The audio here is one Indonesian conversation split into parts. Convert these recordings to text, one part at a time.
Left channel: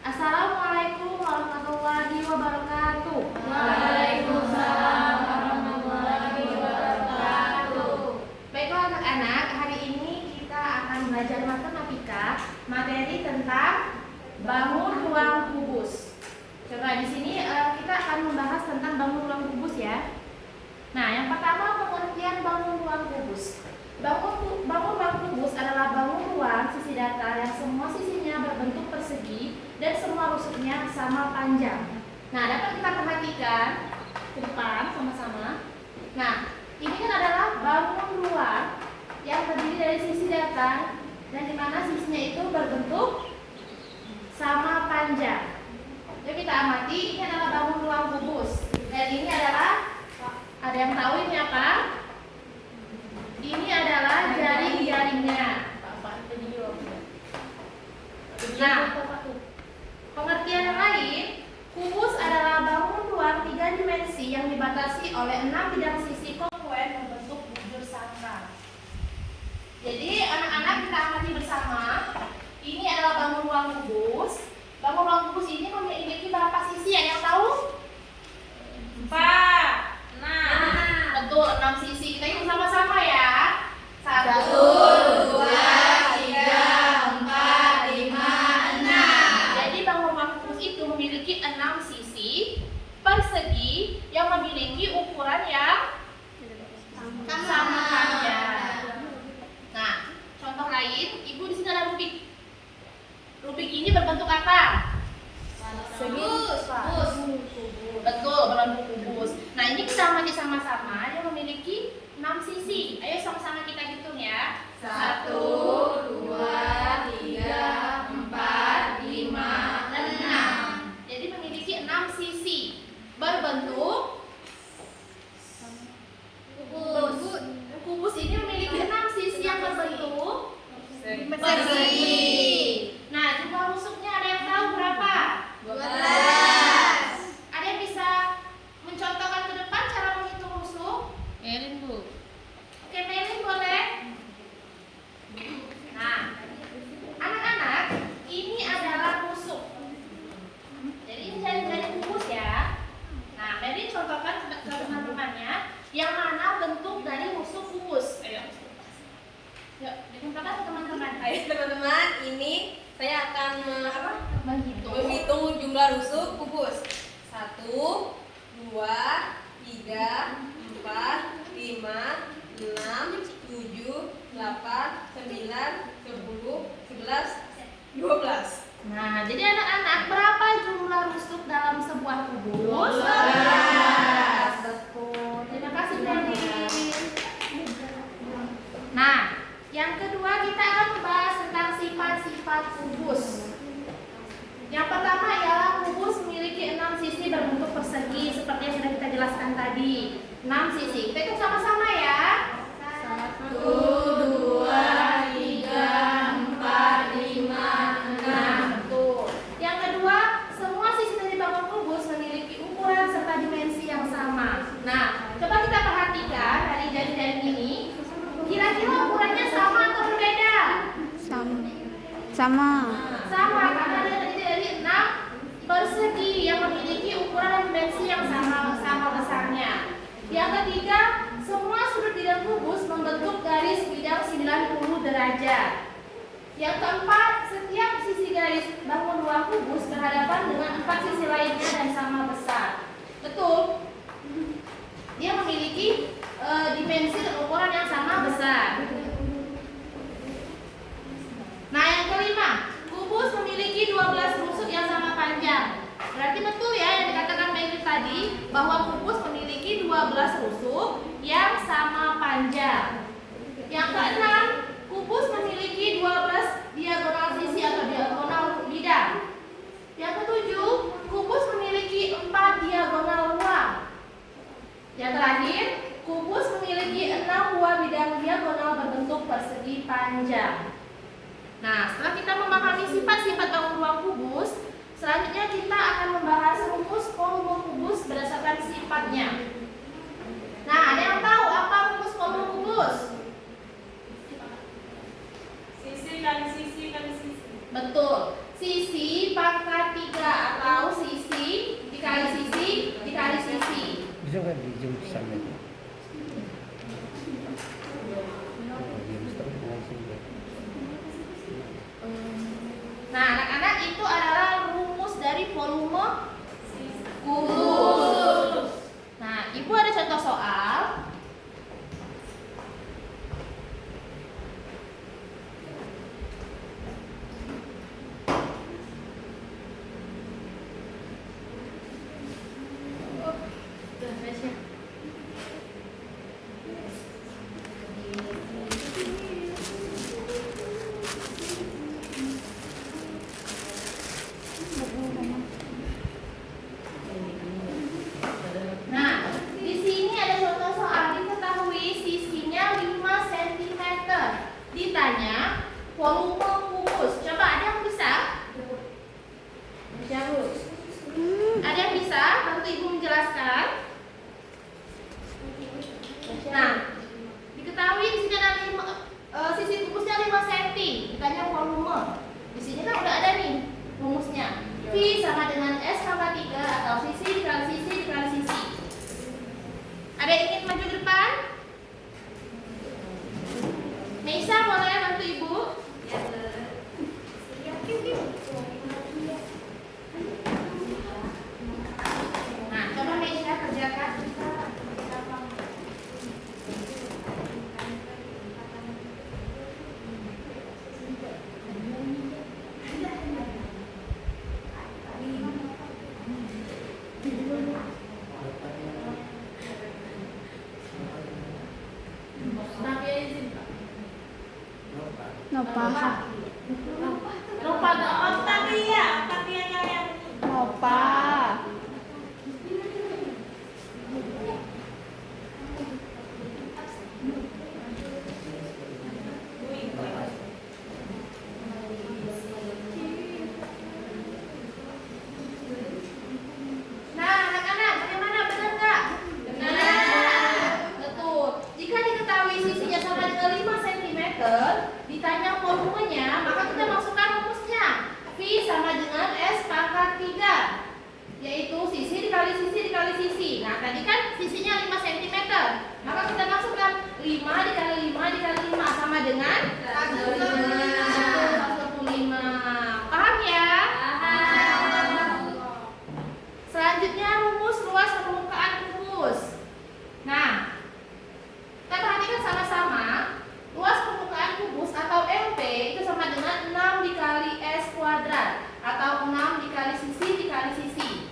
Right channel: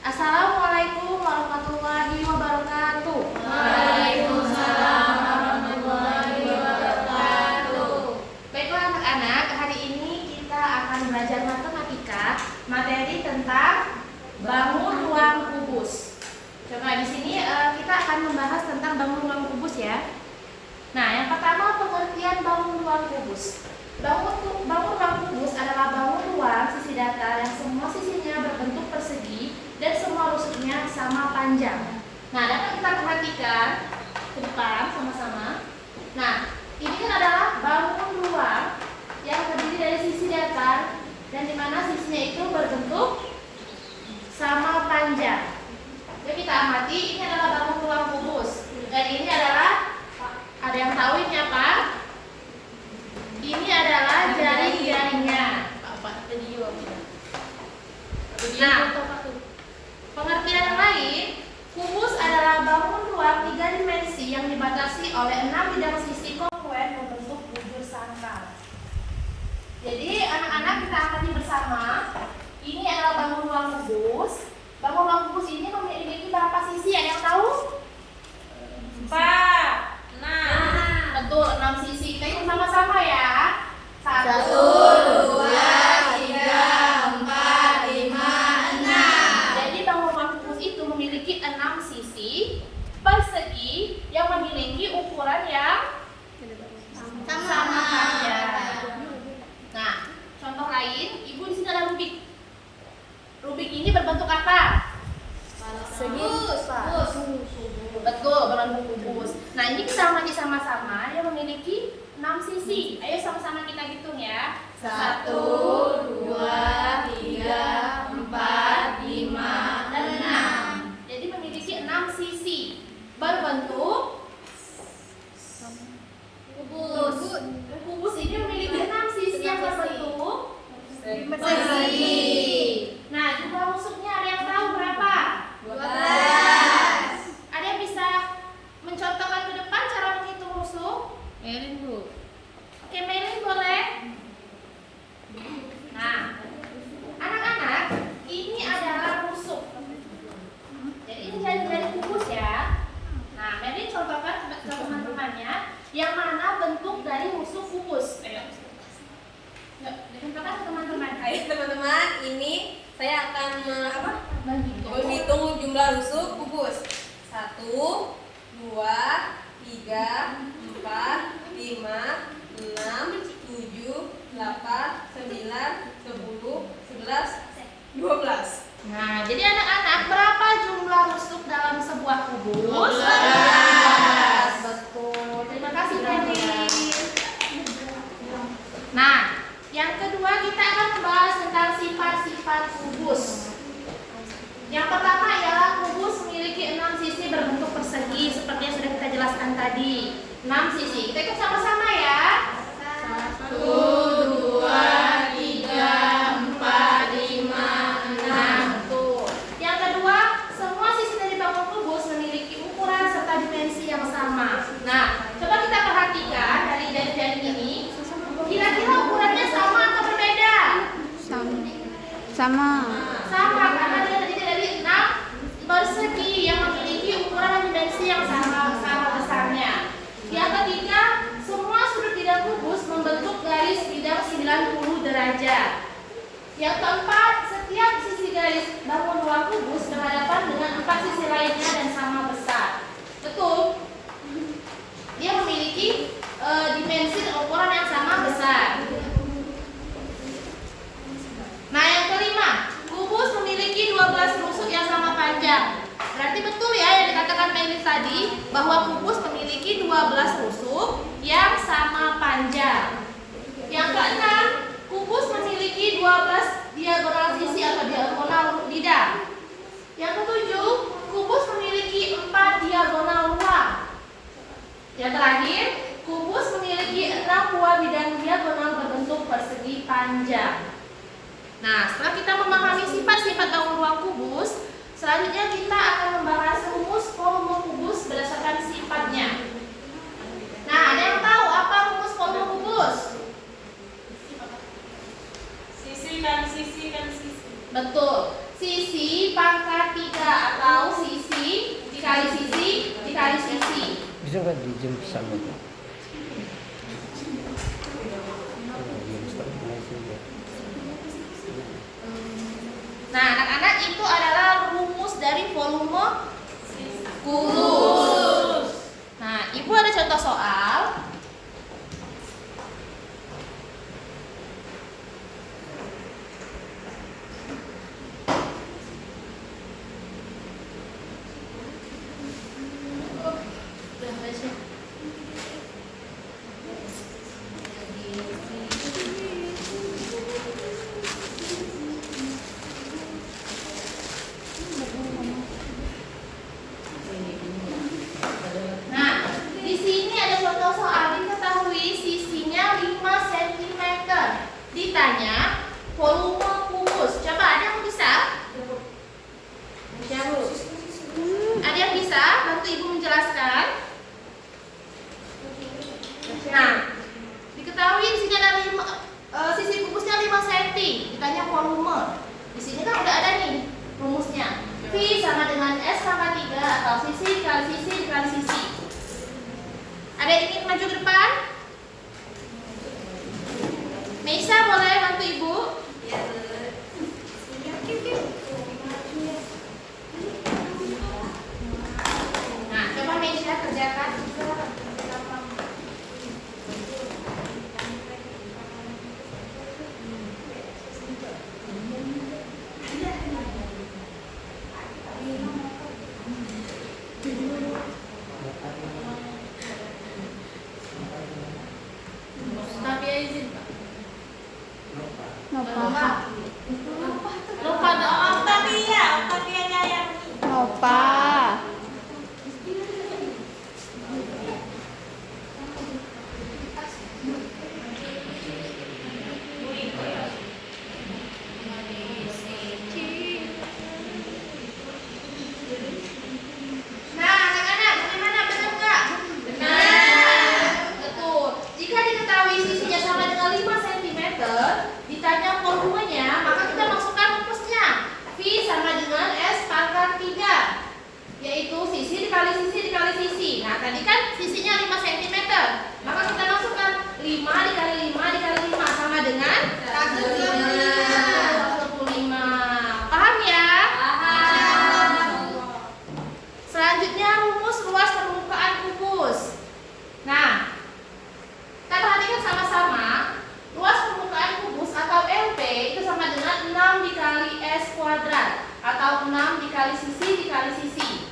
Assalamualaikum warahmatullahi wabarakatuh. Waalaikumsalam warahmatullahi wabarakatuh. Baiklah anak-anak, hari ini kita akan belajar matematika, materi tentang bangun ruang kubus. Coba di sini kita akan membahas tentang bangun ruang kubus ya. Nah, yang pertama pengertian bangun ruang kubus. Bangun ruang kubus adalah bangun ruang sisi datar yang semua sisinya berbentuk persegi dan semua rusuknya sama panjang. Nah, dapat kita perhatikan ke depan sama-sama. Nah, ini kan adalah bangun ruang yang terdiri dari sisi datar dan di mana sisinya itu berbentuk sama panjang. Jadi kita amati, ini adalah bangun ruang kubus. Dan ini adalah, ada yang tahu ini apa? Ini adalah jaring-jaringnya. Nah, pengertian yang lain, kubus adalah bangun ruang 3 dimensi yang dibatasi oleh 6 bidang sisi kongruen membentuk bujur sangkar. Jadi anak-anak kita amati bersama, ini adalah bangun ruang kubus. Bangun ruang kubus ini memiliki berapa sisi? Ada yang tahu? 4. Betul, 6 sisi. Kita hitung sama-sama ya. 1, 2, 3, 4, 5, 6. Jadi bangun ruang kubus itu memiliki 6 sisi persegi yang memiliki ukuran yang sama panjang. Nah, contoh lain, Ibu di sini ada rubik. Rubik ini berbentuk apa? Kubus. Betul, berbentuk kubus. Nah, ini kita amati sama-sama, dia memiliki 6 sisi. Ayo sama-sama kita hitung ya. 1, 2, 3, 4, 5, dan 6. Jadi memiliki 6 sisi berbentuk kubus. Kubus ini memiliki 6 sisi yang berbentuk persegi. Nah, jumlah rusuknya ada yang tahu berapa? 12. Ada yang bisa mencontohkan ke depan cara menghitung rusuk? Melin, Bu. Oke, Melin boleh. Nah, anak-anak, ini adalah rusuk. Jadi ini jaring-jaring kubus ya. Nah, Melin contohkan ke teman-temannya yang mana bentuk dari rusuk kubus. Ayo. Yuk, dicontohkan ke teman-teman. Ayo teman-teman, ini saya akan menghitung jumlah rusuk kubus. 1, 2, 3, 4, 5, 6, 7, 8, 9, 10, 11, 12. Nah, jadi anak-anak, berapa jumlah rusuk dalam sebuah kubus? 12. Betul. Terima kasih, Melin. Nah, yang kedua kita akan membahas tentang sifat-sifat kubus. Yang pertama ialah kubus memiliki 6 sisi berbentuk persegi seperti yang sudah kita jelaskan tadi. 6 sisi. Kita hitung sama-sama ya. 1, 2, 3, 4, 5, 6. Betul. Yang kedua, semua sisi dari bangun kubus memiliki ukuran serta dimensi yang sama. Nah, coba kita perhatikan dari jaring-jaring ini. Kira-kira ukurannya sama atau berbeda? Sama. Sama, karena dia terdiri dari 6 persegi yang memiliki ukuran dan dimensi yang sama besarnya. Yang ketiga, semua sudut bidang kubus membentuk garis bidang 90 derajat. Yang keempat, setiap sisi garis bangun ruang kubus berhadapan dengan 4 sisi lainnya dan sama besar. Betul? Dia memiliki dimensi dan ukuran yang sama besar. Nah, yang kelima, kubus memiliki 12 rusuk yang sama panjang. Berarti betul ya yang dikatakan Melin tadi, bahwa kubus memiliki 12 rusuk yang sama panjang. Yang keenam, kubus memiliki 12 diagonal sisi atau diagonal bidang. Yang ketujuh, kubus memiliki 4 diagonal ruang. Yang terakhir, kubus memiliki 6 buah bidang diagonal berbentuk persegi panjang. Nah, setelah kita memahami sifat-sifat bangun ruang kubus, selanjutnya kita akan membahas rumus volume kubus berdasarkan sifatnya. Nah, ada yang tahu apa rumus volume kubus? Sisi dan sisi dan sisi. Betul. Sisi pangkat dikali sisi dikali sisi. Bisa nggak di zoom sama itu? Nah, anak-anak, itu adalah rumus dari volume kubus. Nah, Ibu ada contoh soal. Udah baca. Nah, di sini ada contoh soal. Diketahui sisinya 5 cm. Ditanya volume kubus. Coba ada yang bisa? Ada yang bisa bantu Ibu menjelaskan? Nah, diketahui di sini ada sisi kubusnya 5 cm. Ditanya volume. Di sini kan udah ada nih rumusnya. V sama dengan S tambah 3 atau sisi dikali sisi dikali sisi. Ada yang ingin maju ke depan? Nisa, boleh bantu Ibu? Nah, coba Nisa kerjakan. Tapi ya izin Pak. Lupa Nah, anak-anak, bagaimana? Benar nggak? Benar. Betul. Jika diketahui sisinya sama dengan 5 cm, ditanya volumenya, maka kita masukkan rumusnya. V sama dengan S pangkat 3, yaitu sisi dikali sisi dikali sisi. Nah, tadi kan sisinya 5 cm, maka kita masukkan 5 dikali 5 dikali 5 sama dengan 125. Paham ya? Selanjutnya rumus luas permukaan kubus. Nah, kita perhatikan sama-sama. Luas permukaan kubus atau LP itu sama dengan 6 dikali S kuadrat atau 6 dikali sisi dikali sisi.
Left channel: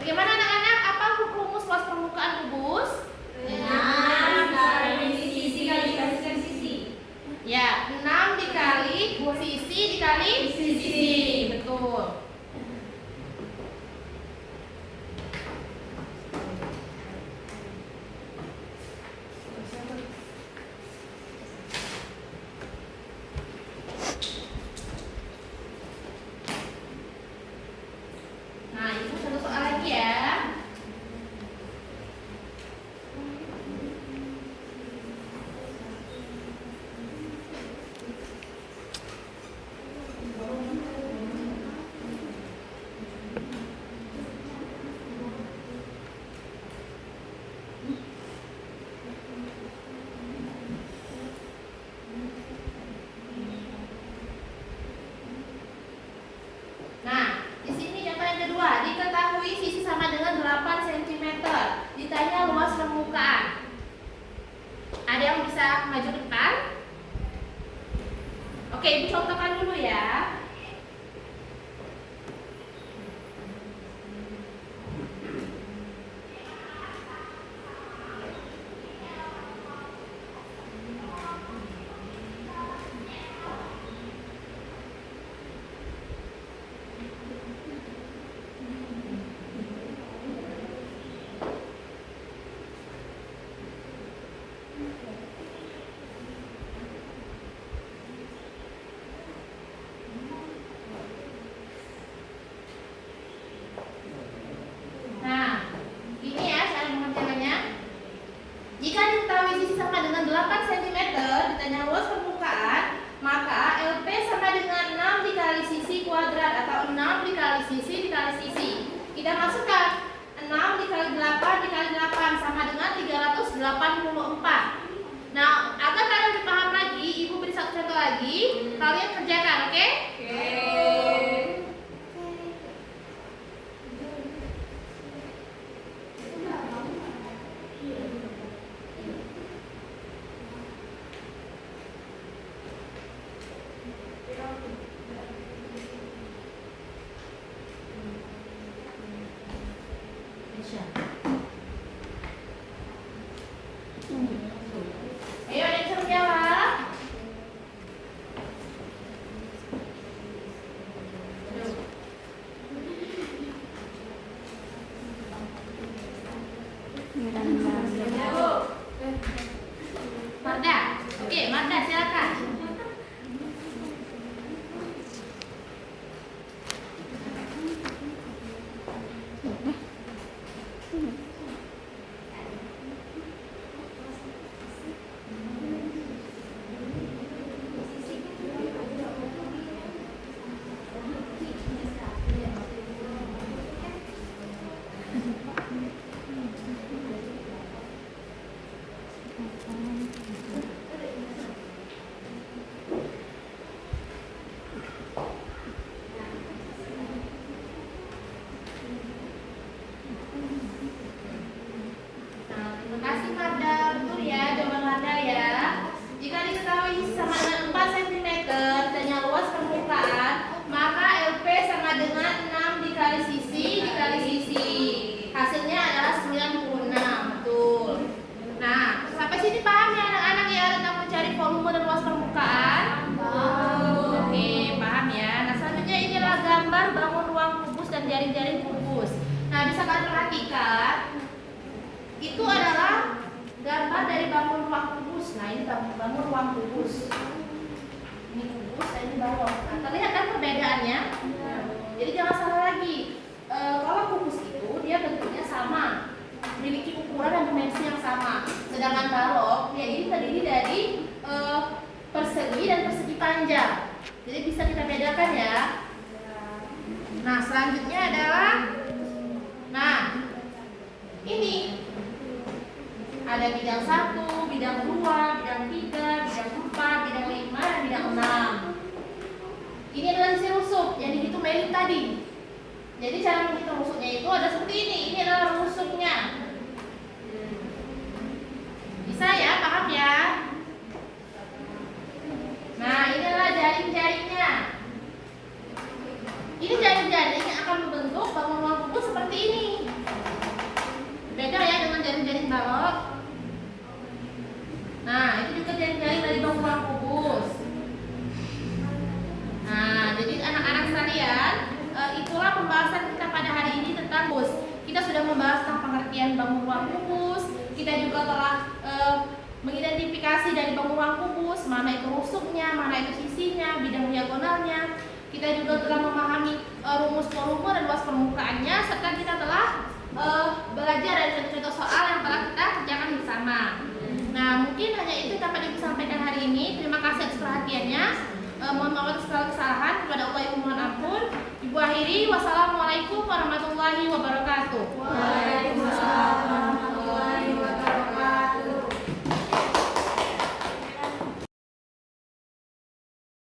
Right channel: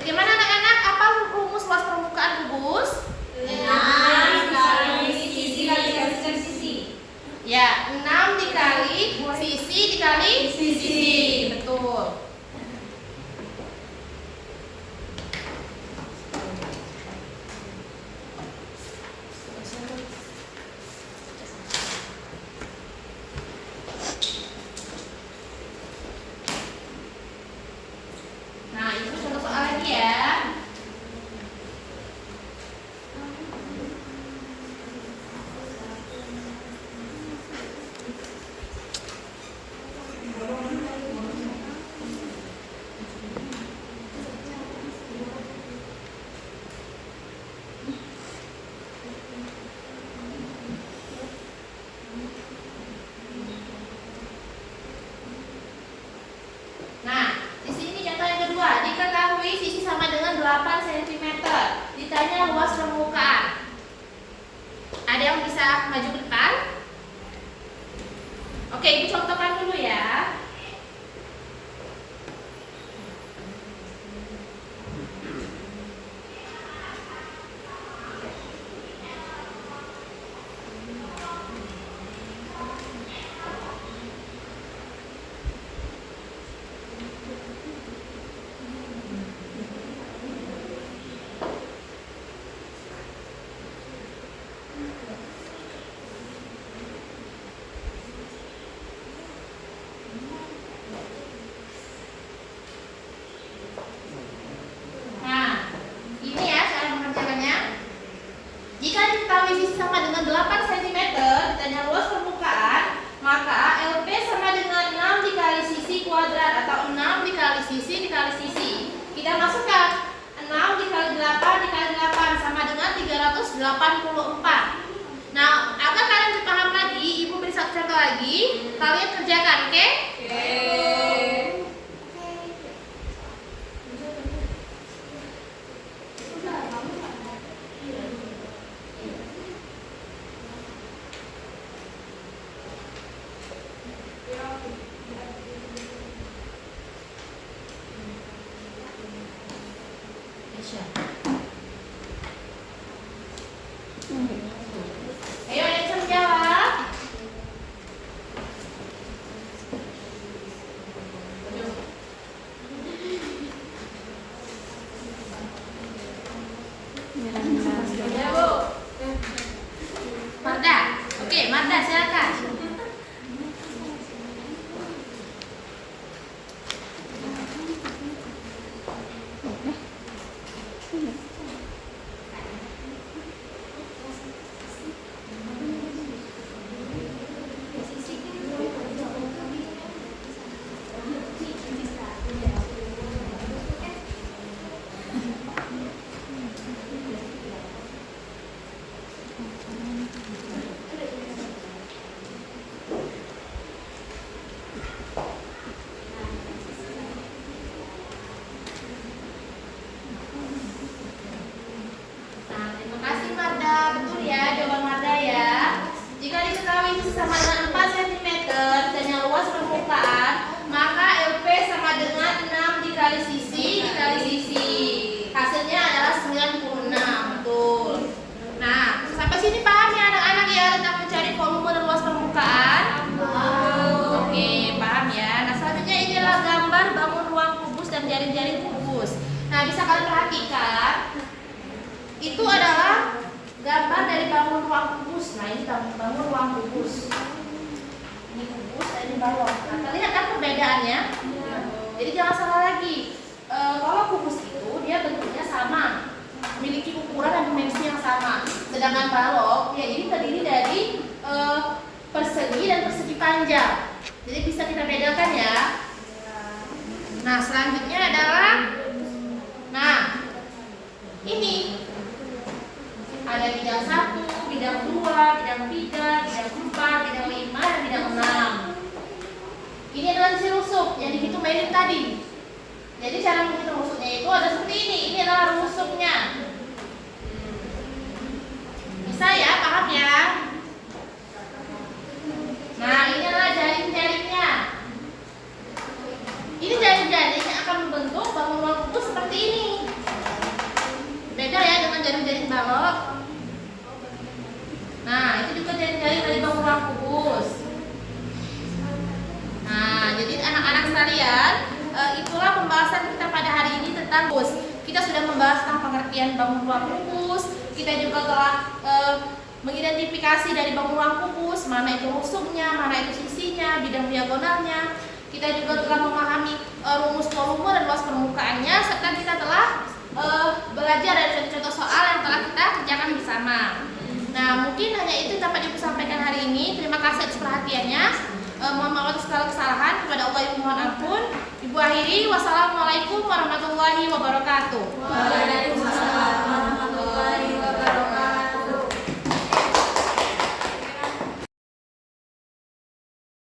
Bagaimana anak-anak? Apa rumus luas permukaan kubus? 6 dikali sisi dikali sisi. Ya, 6 dikali sisi dikali sisi. Betul. Nah, Ibu contoh soal lagi ya. Nah, di sini contoh yang kedua, diketahui sisi sama dengan 8 cm. Ditanya luas permukaan. Ada yang bisa maju ke depan? Oke, Ibu contohkan dulu ya. 84. Nah, agar kalian lebih paham lagi, Ibu beri satu contoh lagi. Kalian kerjakan, oke? Ayo, ada yang menjawab. Marda, oke, Marda silakan. Nah, terima kasih Marda. Betul ya jawaban Marda ya. Jika diketahui sisi sama dengan 4 cm dan yang luas permukaan, maka LP sama dengan 6 dikali sisi dikali sisi. Hasilnya adalah 96. Betul. Nah, sampai sini paham ya anak-anak ya tentang mencari volume dan luas permukaan? Oke, paham ya. Nah, selanjutnya ini adalah gambar bangun ruang kubus dan jaring-jaring kubus. Nah, bisa kalian perhatikan itu adalah gambar dari bangun ruang kubus. Nah, ini bangun ruang kubus. Ini kubus, ini balok. Nah, kalian lihat kan perbedaannya? Jadi jangan salah lagi. Kalau kubus itu dia bentuknya sama, memiliki ukuran dan dimensi yang sama. Sedangkan balok ya ini terdiri dari persegi dan persegi panjang. Jadi bisa kita bedakan ya. Nah, selanjutnya adalah ini ada bidang 1, bidang 2, bidang 3, bidang 4, bidang 5, dan bidang 6. Ini adalah sisi rusuk yang dihitung Mbak tadi. Jadi cara menghitung rusuknya itu ada seperti ini. Ini adalah rusuknya. Bisa ya, paham ya? Nah, ini adalah jaring-jaringnya. Ini jaring-jaring yang akan membentuk bangun ruang kubus seperti ini. Beda ya dengan jaring-jaring balok. Nah, itu juga jaring-jaring dari bangun ruang kubus. Nah, jadi anak-anak sekalian, itulah pembahasan kita pada hari ini tentang kubus. Kita sudah membahas tentang pengertian bangun ruang kubus. Kita juga telah mengidentifikasi dari bangun ruang kubus, mana itu rusuknya, mana itu sisinya, bidang diagonalnya. Kita juga telah memahami rumus volume dan luas permukaannya, serta kita telah belajar dari contoh-contoh soal yang telah kita kerjakan bersama. Nah, mungkin hanya itu yang dapat Ibu sampaikan hari ini. Terima kasih atas perhatiannya. Mohon maaf atas segala kesalahan. Kepada Allah Ibu mohon ampun. Ibu akhiri. Wassalamualaikum warahmatullahi wabarakatuh. Waalaikumsalam.